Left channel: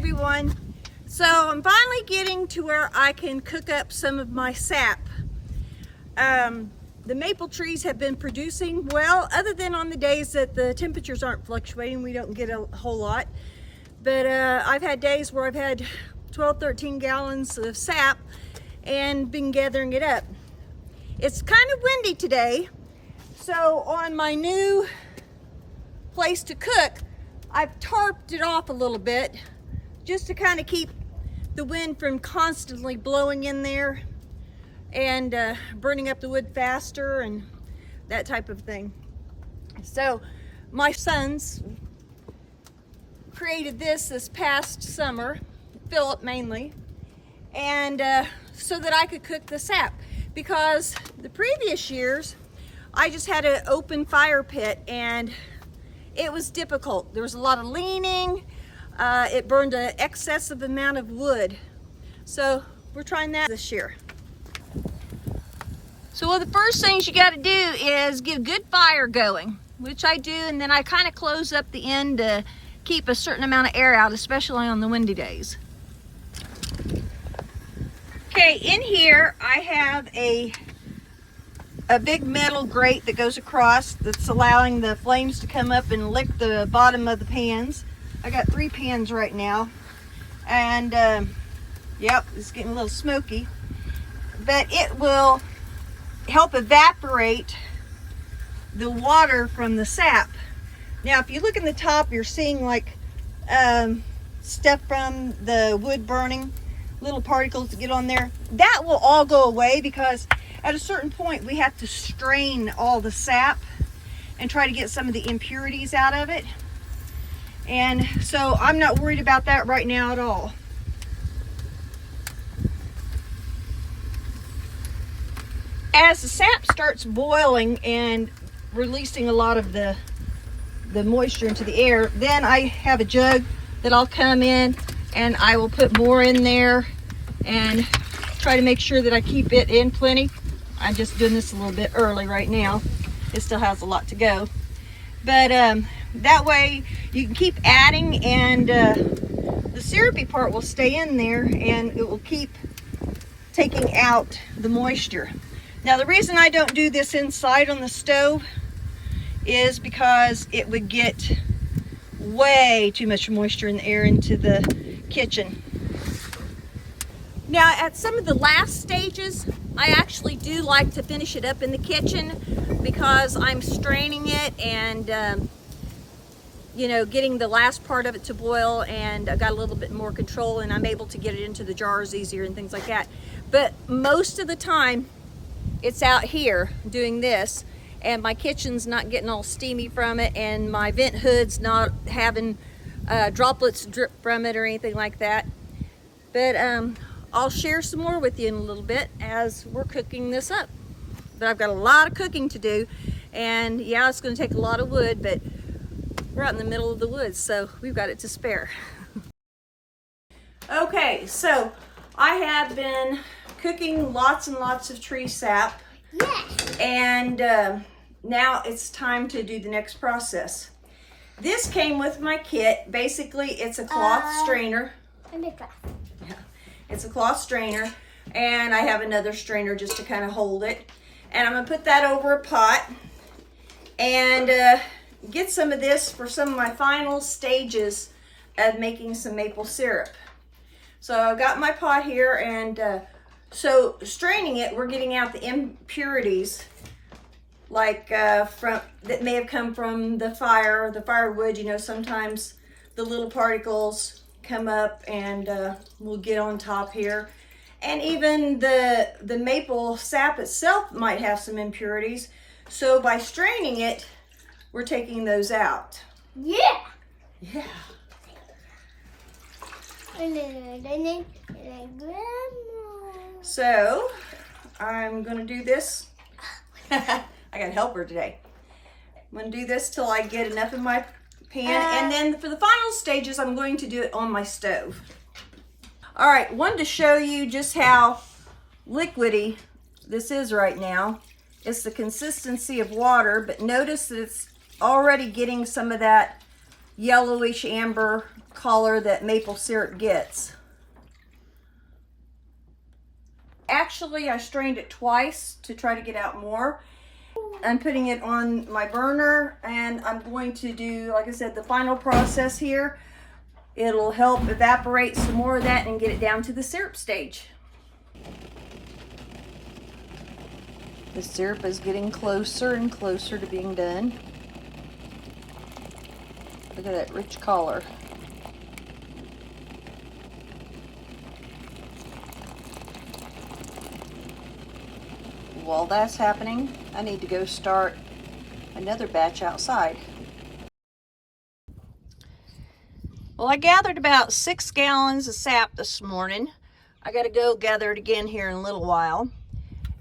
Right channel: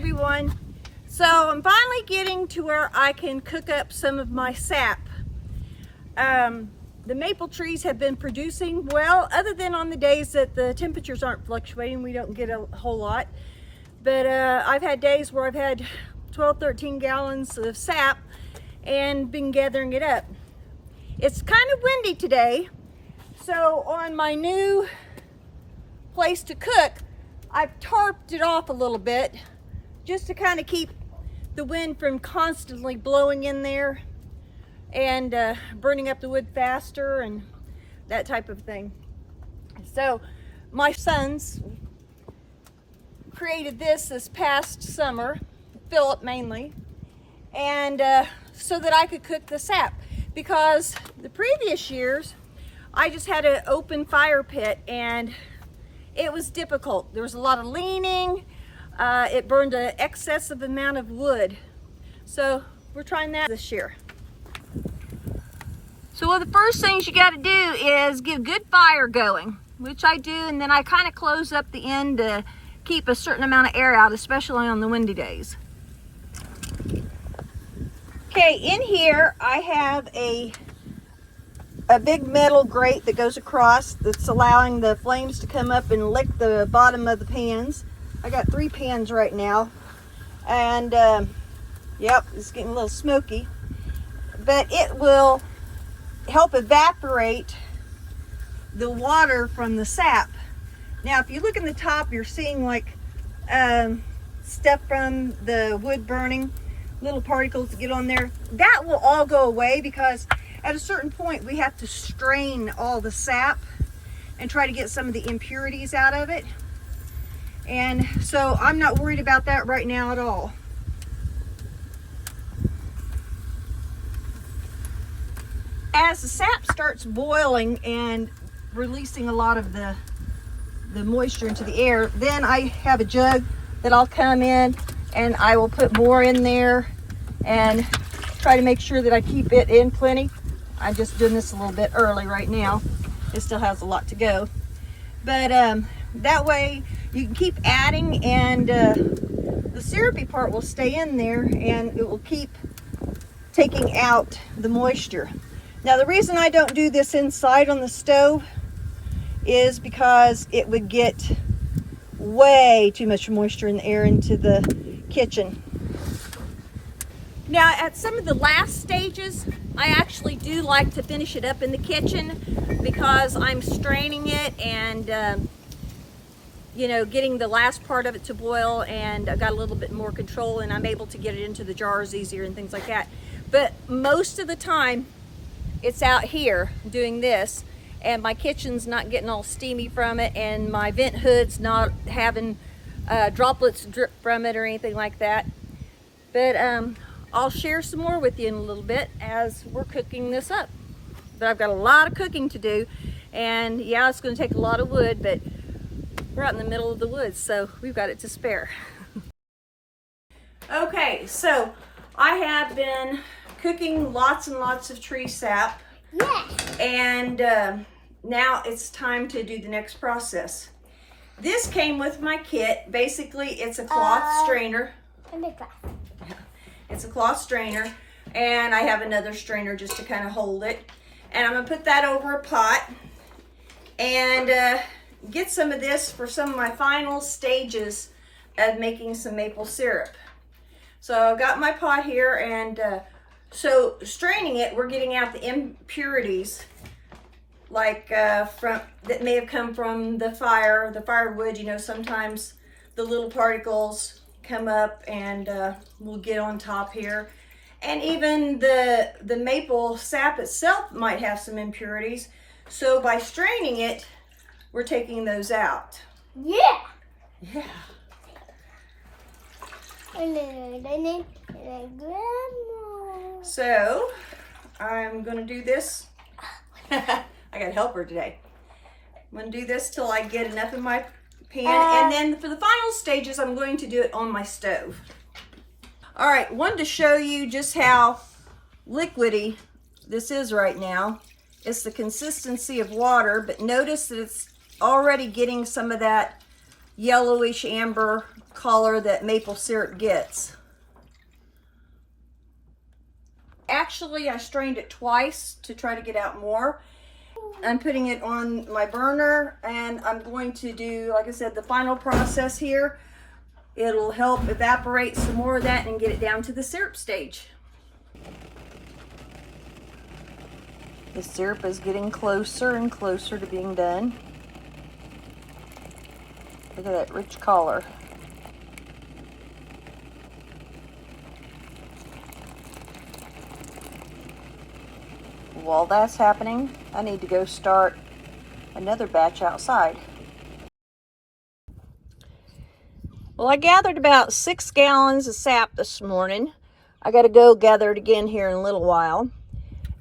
everyone. So I'm finally getting to where I can cook up some of my sap. The maple trees have been producing well, other than on the days that the temperatures aren't fluctuating, we don't get a whole lot. But I've had days where I've had 12-13 gallons of sap and been gathering it up. It's kind of windy today, so on my new place to cook, I've tarped it off a little bit just to kind of keep the wind from constantly blowing in there and burning up the wood faster and that type of thing. So my sons created this past summer, Philip mainly, and so that I could cook the sap, because the previous years I just had an open fire pit and it was difficult. There was a lot of leaning. It burned an excessive amount of wood. So we're trying that this year. So one of the first things you got to do is get a good fire going, which I do, and then I kind of close up the end to keep a certain amount of air out, especially on the windy days. Okay, in here I have a big metal grate that goes across that's allowing the flames to come up and lick the bottom of the pans. I got 3 pans right now, and yep, it's getting a little smoky, but it will help evaporate the water from the sap. Now if you look in the top, you're seeing like stuff from the wood burning, little particles that get on there. That will all go away, because at a certain point we have to strain all the sap and try to get some of the impurities out of it. And so I'm not worried about that right now at all. As the sap starts boiling and releasing a lot of the moisture into the air, then I have a jug that I'll come in and I will put more in there and try to make sure that I keep it in plenty. I'm just doing this a little bit early right now. It still has a lot to go. But that way you can keep adding, and the syrupy part will stay in there and it will keep taking out the moisture. Now the reason I don't do this inside on the stove is because it would get way too much moisture in the air into the kitchen. Now at some of the last stages, I actually do like to finish it up in the kitchen, because I'm straining it and you know, getting the last part of it to boil, and I got a little bit more control and I'm able to get it into the jars easier and things like that. But most of the time it's out here doing this, and my kitchen's not getting all steamy from it, and my vent hood's not having droplets drip from it or anything like that. But I'll share some more with you in a little bit as we're cooking this up. But I've got a lot of cooking to do, and yeah, it's going to take a lot of wood, but we're out in the middle of the woods, so we've got it to spare. Okay, so I have been cooking lots and lots of tree sap. Yes. And now it's time to do the next process. This came with my kit. Basically, it's a cloth strainer. Yeah, it's a cloth strainer, and I have another strainer just to kind of hold it. And I'm gonna put that over a pot and get some of this for some of my final stages of making some maple syrup. So I've got my pot here, and so straining it, we're getting out the impurities, like from that may have come from the firewood. You know, sometimes the little particles come up and will get on top here, and even the maple sap itself might have some impurities. So by straining it, we're taking those out. Yeah. Yeah. So I'm gonna do this. I gotta help her today. I'm gonna do this till I get enough in my pan, and then for the final stages, I'm going to do it on my stove. All right, wanted to show you just how liquidy this is right now. It's the consistency of water, but notice that it's already getting some of that yellowish amber color that maple syrup gets. Actually, I strained it twice to try to get out more. I'm putting it on my burner, and I'm going to do, like I said, the final process here. It'll help evaporate some more of that and get it down to the syrup stage. The syrup is getting closer and closer to being done. Look at that rich color. While that's happening, I need to go start another batch outside. Well, I gathered about 6 gallons of sap this morning. I got to go gather it again here in a little while.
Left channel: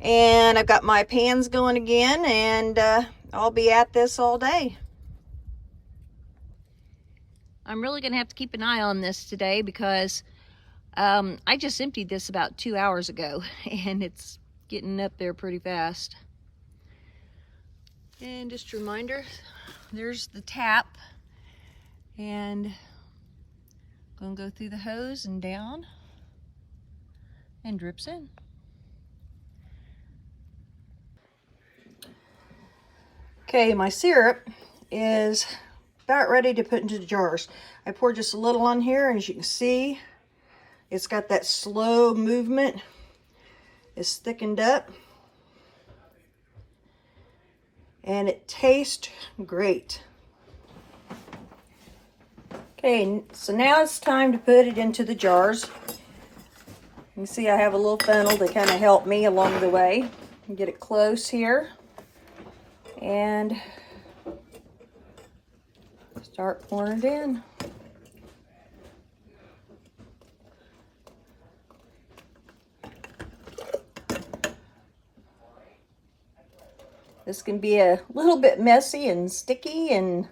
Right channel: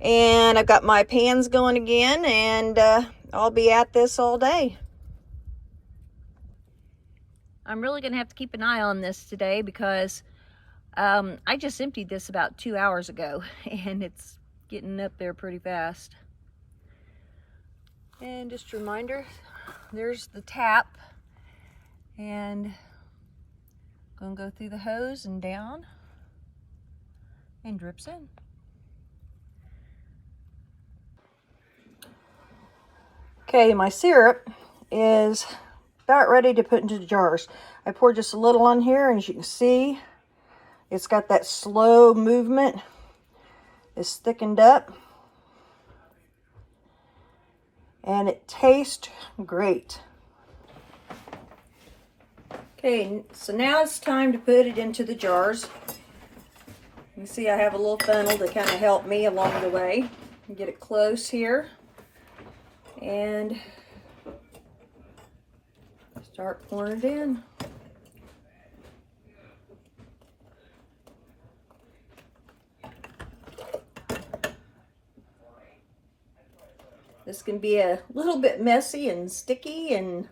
And I've got my pans going again, and I'll be at this all day. I'm really going to have to keep an eye on this today because I just emptied this about 2 hours ago, and it's getting up there pretty fast. And just a reminder, there's the tap, and I'm going to go through the hose and down, and drips in. Okay, my syrup is about ready to put into the jars. I poured just a little on here, and as you can see, it's got that slow movement. It's thickened up, and it tastes great. Okay, so now it's time to put it into the jars. You can see I have a little funnel to kind of help me along the way. Get it close here. And start pouring it in. This can be a little bit messy and sticky, and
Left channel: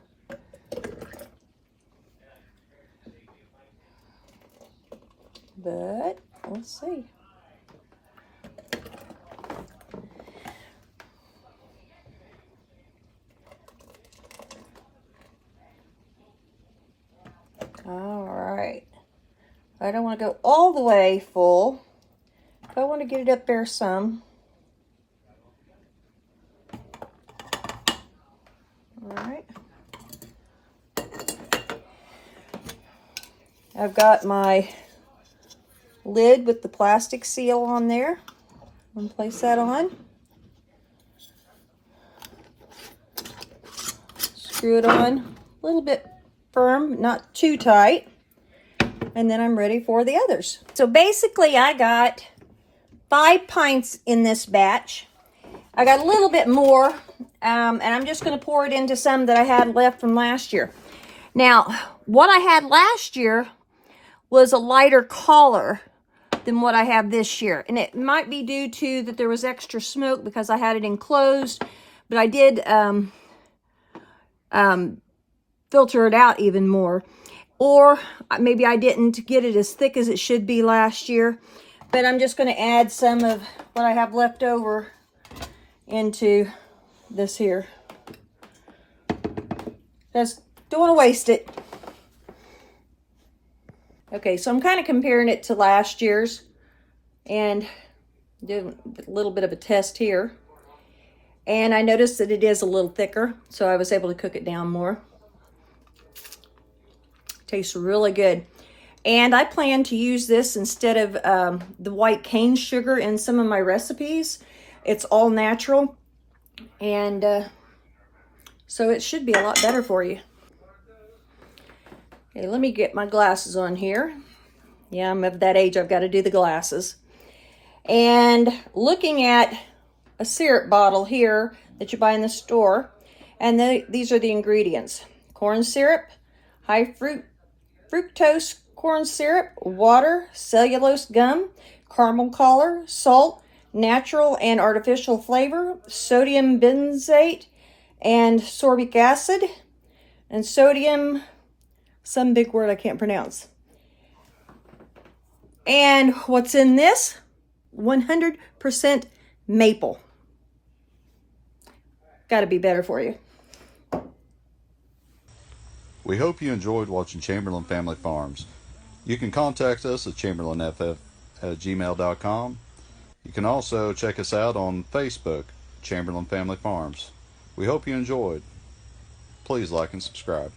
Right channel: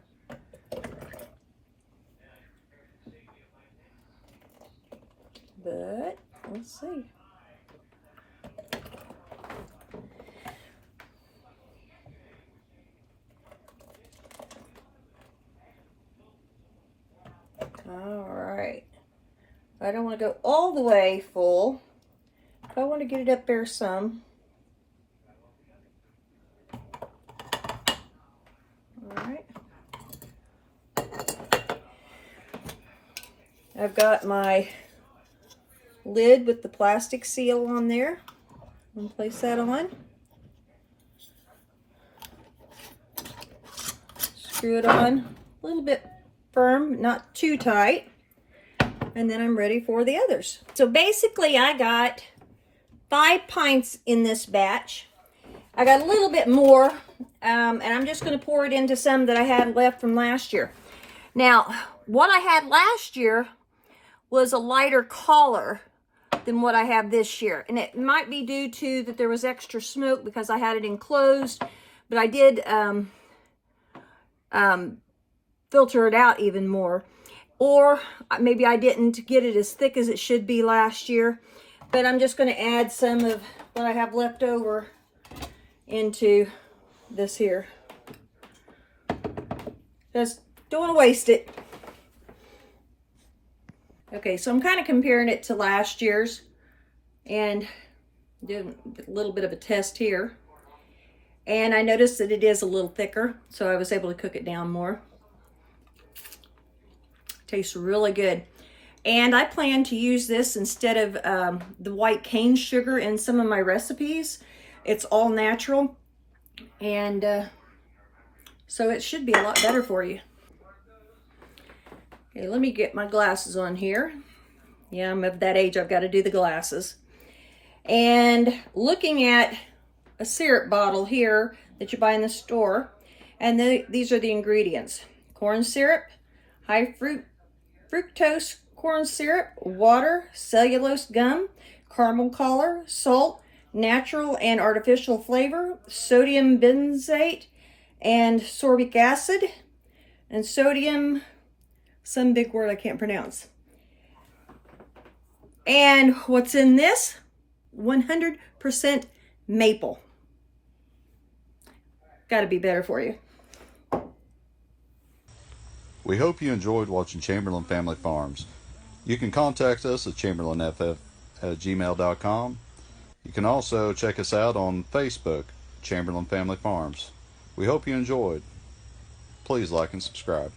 but we'll see. All right. I don't want to go all the way full. I want to get it up there some. All right. I've got my lid with the plastic seal on there. I'm going to place that on. Screw it on a little bit firm, not too tight. And then I'm ready for the others. So basically I got 5 pints in this batch. I got a little bit more, and I'm just going to pour it into some that I had left from last year. Now, what I had last year was a lighter color than what I have this year. And it might be due to that there was extra smoke because I had it enclosed, but I did filter it out even more. Or maybe I didn't get it as thick as it should be last year, but I'm just going to add some of what I have left over into this here. Just don't want to waste it. Okay, so I'm kind of comparing it to last year's and did a little bit of a test here. And I noticed that it is a little thicker, so I was able to cook it down more. Tastes really good. And I plan to use this instead of the white cane sugar in some of my recipes. It's all natural, and so it should be a lot better for you. Okay, let me get my glasses on here. Yeah, I'm of that age, I've got to do the glasses. And looking at a syrup bottle here that you buy in the store, and these are the ingredients. Corn syrup, high fructose corn syrup, water, cellulose gum, caramel color, salt, natural and artificial flavor, sodium benzoate, and sorbic acid, and sodium, some big word I can't pronounce. And what's in this? 100% maple. Got to be better for you. We hope you enjoyed watching Chamberlain Family Farms. You can contact us at chamberlainff@gmail.com. You can also check us out on Facebook, Chamberlain Family Farms. We hope you enjoyed. Please like and subscribe.